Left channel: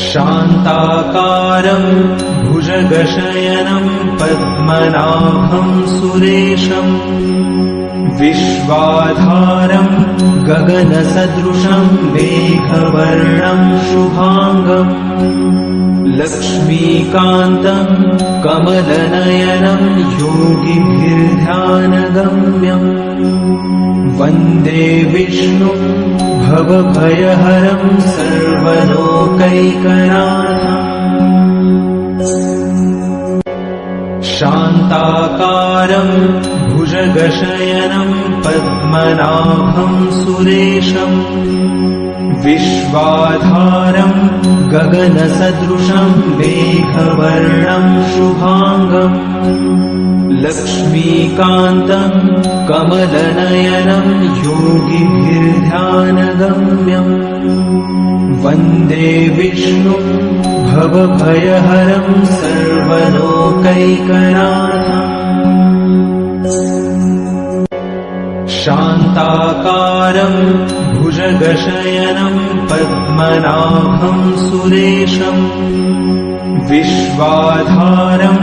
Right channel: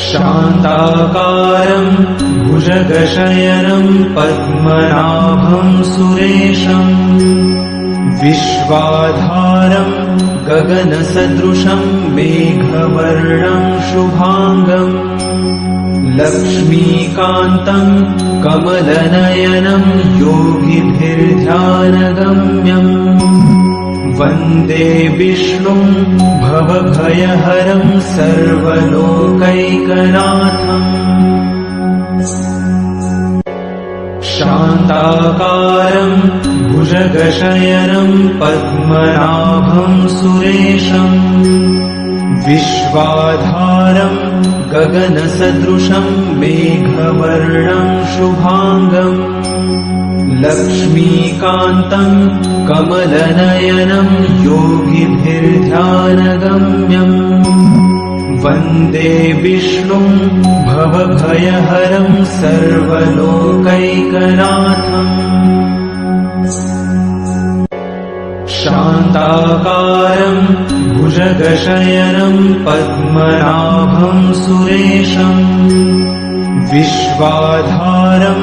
शान्ताकारं भुजगशयनं पद्मनाभं सुरेशं विश्वाधारं गगनसदृशं मेघवर्णं शुभांगं लक्ष्मीकान्तं कमलनयनं योगिभिर्ध्यानगम्यं वन्दे विष्णुं भवभयहरं सर्वलोकैकनाथम् शान्ताकारं भुजगशयनं पद्मनाभं सुरेशं विश्वाधारं गगनसदृशं मेघवर्णं शुभांगं लक्ष्मीकान्तं कमलनयनं योगिभिर्ध्यानगम्यं वन्दे विष्णुं भवभयहरं सर्वलोकैकनाथम् शान्ताकारं भुजगशयनं पद्मनाभं सुरेशं विश्वाधारं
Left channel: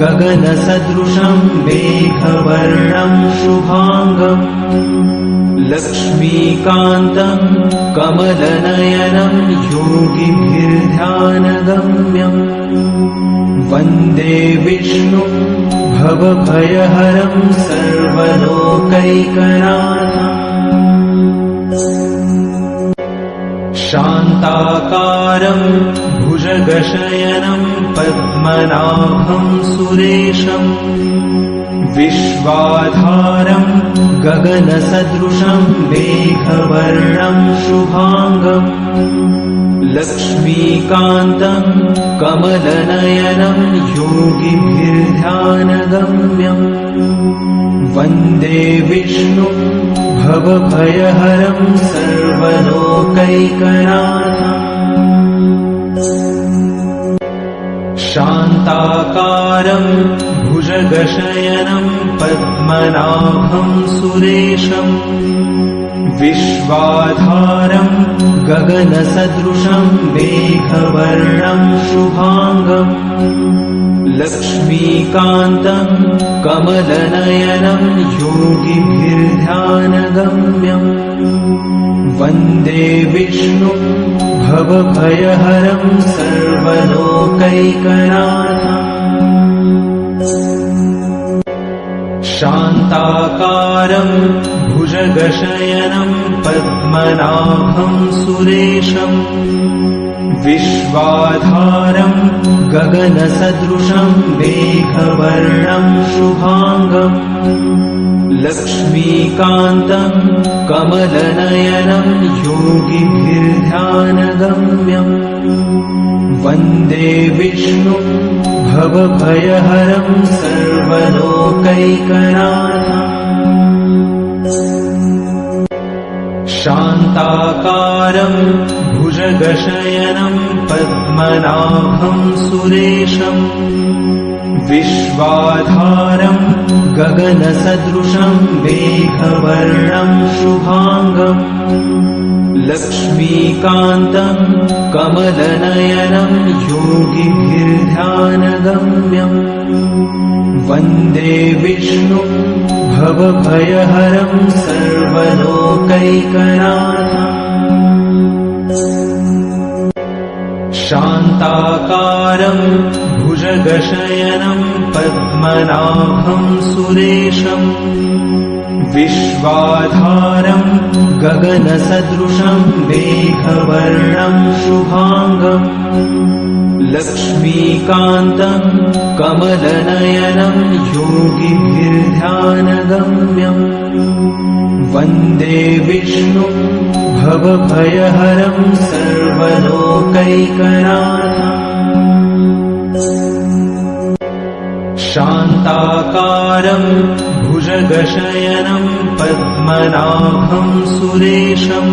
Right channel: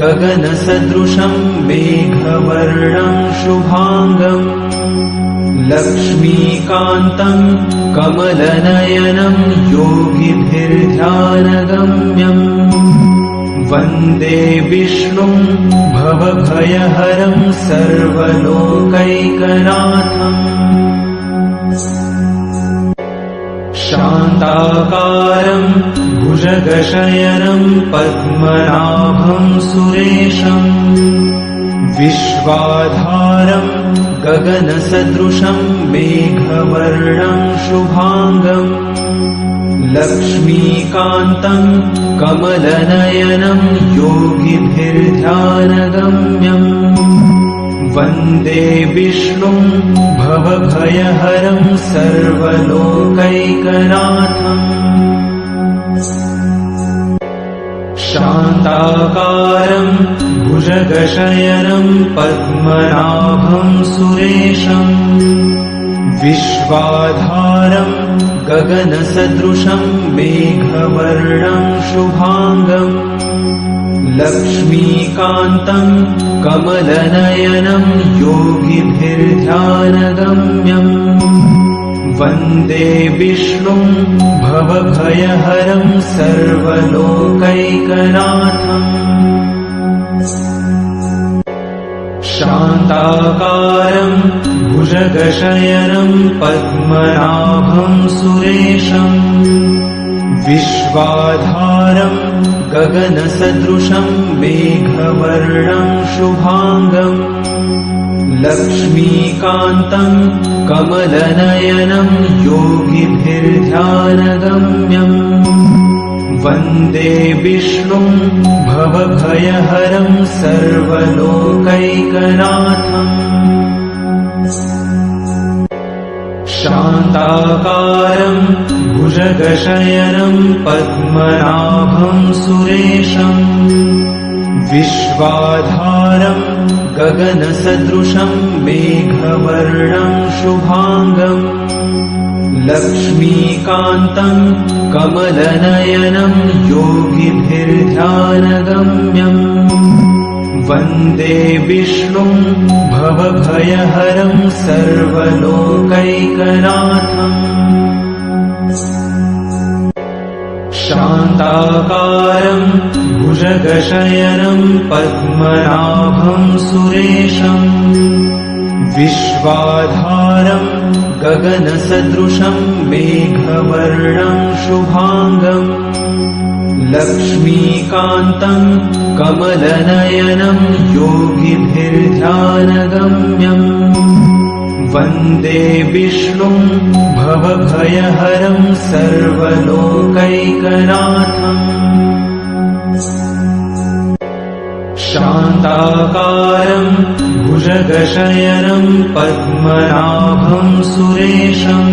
गगनसदृशं मेघवर्णं शुभांगं लक्ष्मीकान्तं कमलनयनं योगिभिर्ध्यानगम्यं वन्दे विष्णुं भवभयहरं सर्वलोकैकनाथम् शान्ताकारं भुजगशयनं पद्मनाभं सुरेशं विश्वाधारं गगनसदृशं मेघवर्णं शुभांगं लक्ष्मीकान्तं कमलनयनं योगिभिर्ध्यानगम्यं वन्दे विष्णुं भवभयहरं सर्वलोकैकनाथम् शान्ताकारं भुजगशयनं पद्मनाभं सुरेशं विश्वाधारं गगनसदृशं मेघवर्णं शुभांगं लक्ष्मीकान्तं कमलनयनं योगिभिर्ध्यानगम्यं वन्दे विष्णुं भवभयहरं सर्वलोकैकनाथम् शान्ताकारं भुजगशयनं पद्मनाभं सुरेशं विश्वाधारं गगनसदृशं मेघवर्णं शुभांगं लक्ष्मीकान्तं कमलनयनं योगिभिर्ध्यानगम्यं वन्दे विष्णुं भवभयहरं सर्वलोकैकनाथम् शान्ताकारं भुजगशयनं पद्मनाभं सुरेशं विश्वाधारं गगनसदृशं मेघवर्णं शुभांगं लक्ष्मीकान्तं कमलनयनं योगिभिर्ध्यानगम्यं वन्दे विष्णुं भवभयहरं सर्वलोकैकनाथम् शान्ताकारं भुजगशयनं पद्मनाभं सुरेशं विश्वाधारं गगनसदृशं मेघवर्णं शुभांगं लक्ष्मीकान्तं कमलनयनं योगिभिर्ध्यानगम्यं वन्दे विष्णुं भवभयहरं सर्वलोकैकनाथम् शान्ताकारं भुजगशयनं पद्मनाभं सुरेशं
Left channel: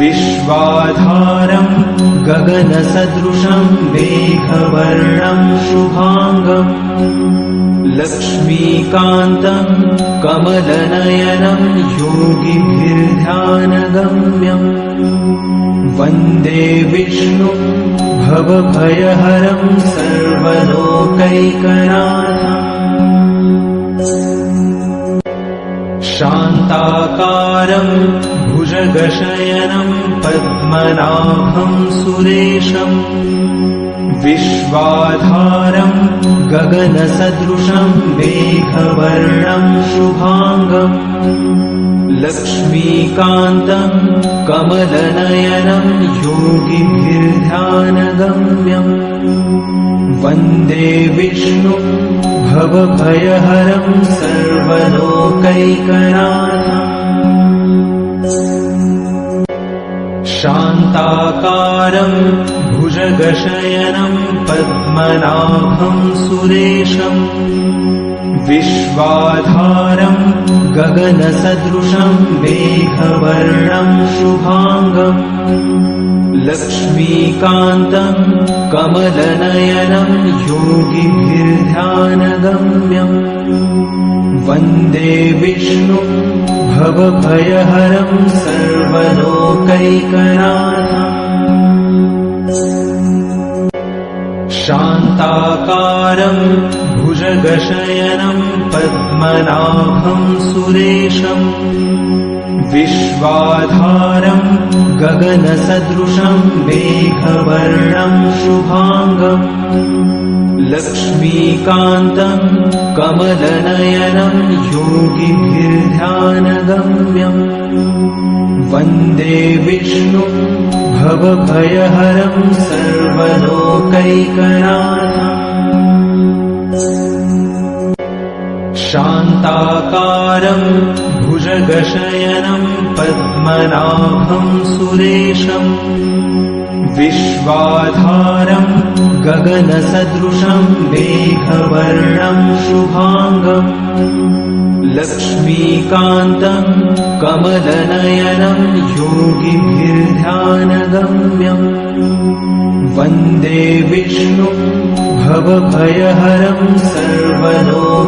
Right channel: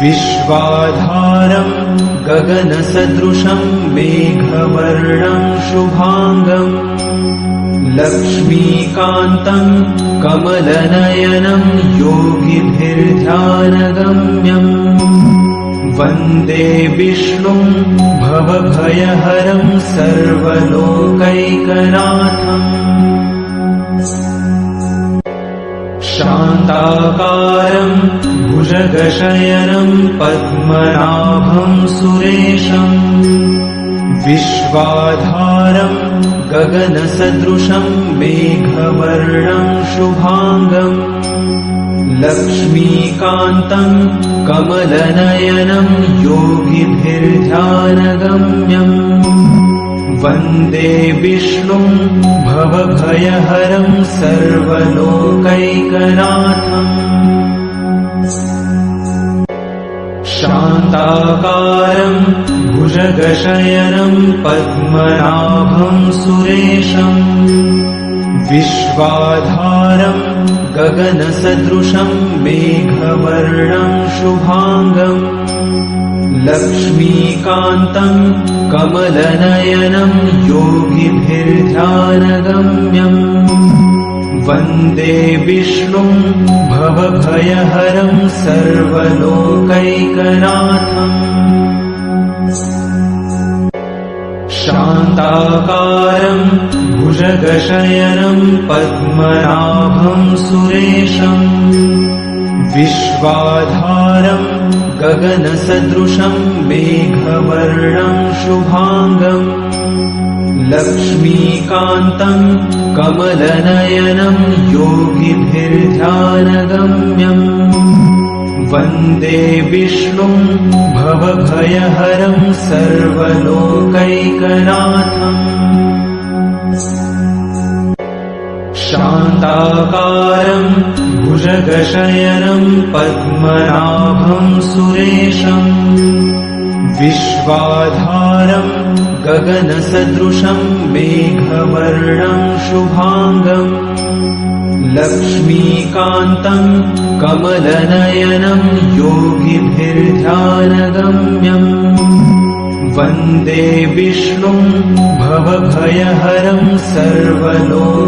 विश्वाधारं गगनसदृशं मेघवर्णं शुभांगं लक्ष्मीकान्तं कमलनयनं योगिभिर्ध्यानगम्यं वन्दे विष्णुं भवभयहरं सर्वलोकैकनाथम् शान्ताकारं भुजगशयनं पद्मनाभं सुरेशम् विश्वाधारं गगनसदृशं मेघवर्णं शुभाङ्गम् लक्ष्मीकान्तं कमलनयनं योगिभिर्ध्यानगम्यम् वन्दे विष्णुं भवभयहरं सर्वलोकैकनाथम् शान्ताकारं भुजगशयनं पद्मनाभं सुरेशम् विश्वाधारं गगनसदृशं मेघवर्णं शुभाङ्गम् लक्ष्मीकान्तं कमलनयनं योगिभिर्ध्यानगम्यम् वन्दे विष्णुं भवभयहरं सर्वलोकैकनाथम् शान्ताकारं भुजगशयनं पद्मनाभं सुरेशम् विश्वाधारं गगनसदृशं मेघवर्णं शुभाङ्गम् लक्ष्मीकान्तं कमलनयनं योगिभिर्ध्यानगम्यम् वन्दे विष्णुं भवभयहरं सर्वलोकैकनाथम् शान्ताकारं भुजगशयनं पद्मनाभं सुरेशम् विश्वाधारं गगनसदृशं मेघवर्णं शुभाङ्गम् लक्ष्मीकान्तं कमलनयनं योगिभिर्ध्यानगम्यम् वन्दे विष्णुं भवभयहरं सर्वलोकैकनाथम्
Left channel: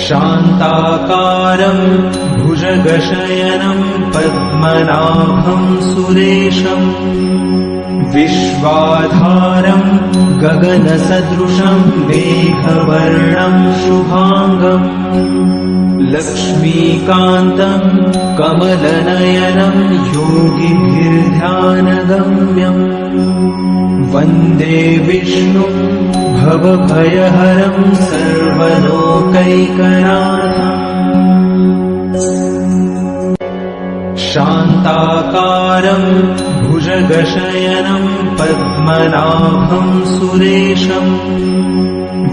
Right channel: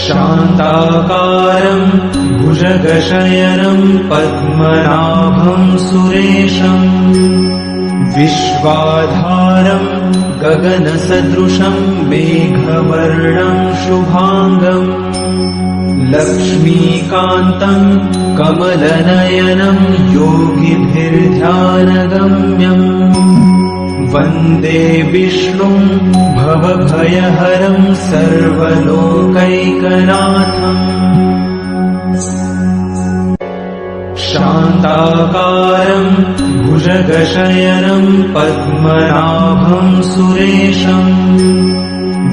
शान्ताकारं भुजगशयनं पद्मनाभं सुरेशम् विश्वाधारं गगनसदृशं मेघवर्णं शुभाङ्गम् लक्ष्मीकान्तं कमलनयनं योगिभिर्ध्यानगम्यम् वन्दे विष्णुं भवभयहरं सर्वलोकैकनाथम् शान्ताकारं भुजगशयनं पद्मनाभं सुरेशम्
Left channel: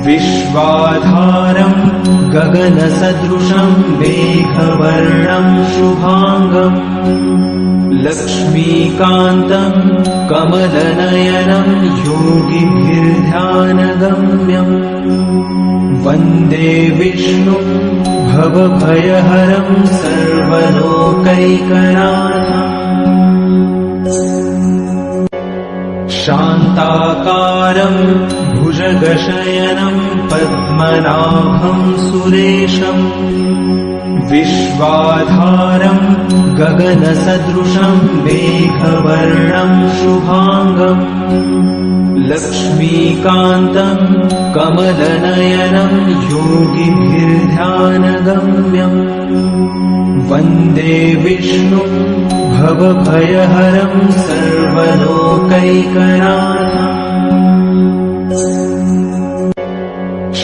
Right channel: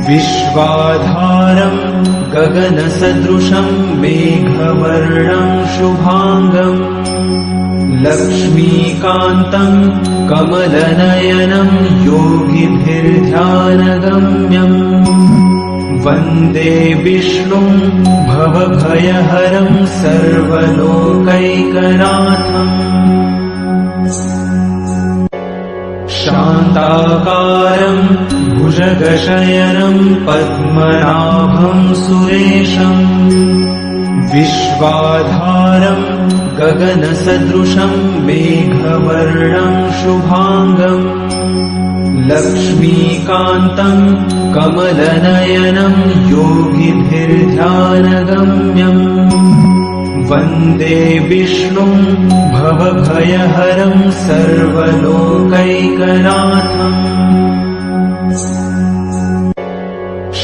विश्वाधारं गगनसदृशं मेघवर्णं शुभाङ्गम् लक्ष्मीकान्तं कमलनयनं योगिभिर्ध्यानगम्यम् वन्दे विष्णुं भवभयहरं सर्वलोकैकनाथम् शान्ताकारं भुजगशयनं पद्मनाभं सुरेशम् विश्वाधारं गगनसदृशं मेघवर्णं शुभाङ्गम् लक्ष्मीकान्तं कमलनयनं योगिभिर्ध्यानगम्यम् वन्दे विष्णुं भवभयहरं सर्वलोकैकनाथम्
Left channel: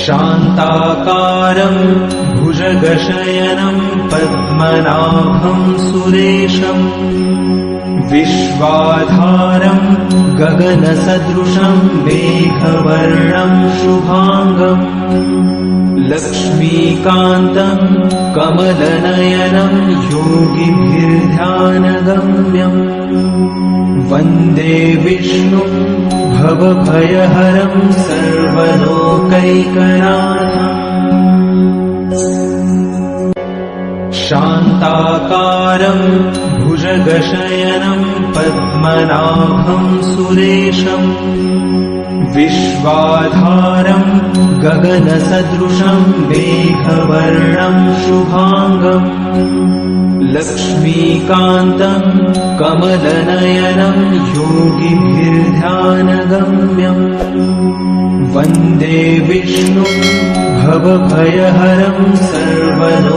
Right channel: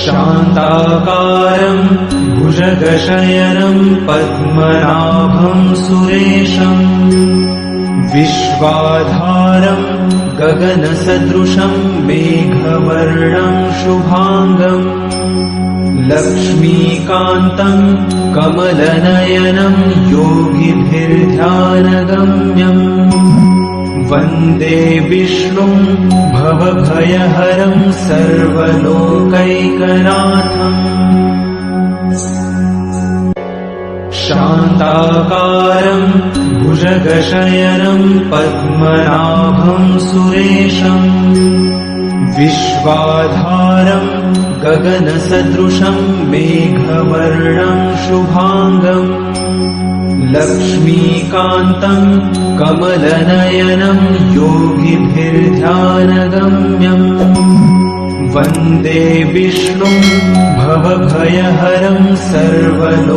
शान्ताकारं भुजगशयनं पद्मनाभं सुरेशम् विश्वाधारं गगनसदृशं मेघवर्णं शुभाङ्गम् लक्ष्मीकान्तं कमलनयनं योगिभिर्ध्यानगम्यम् वन्दे विष्णुं भवभयहरं सर्वलोकैकनाथम् शान्ताकारं भुजगशयनं पद्मनाभं सुरेशम् विश्वाधारं गगनसदृशं मेघवर्णं शुभाङ्गम् लक्ष्मीकान्तं कमलनयनं योगिभिर्ध्यानगम्यम् वन्दे विष्णुं भवभयहरं सर्वलोकैकनाथम्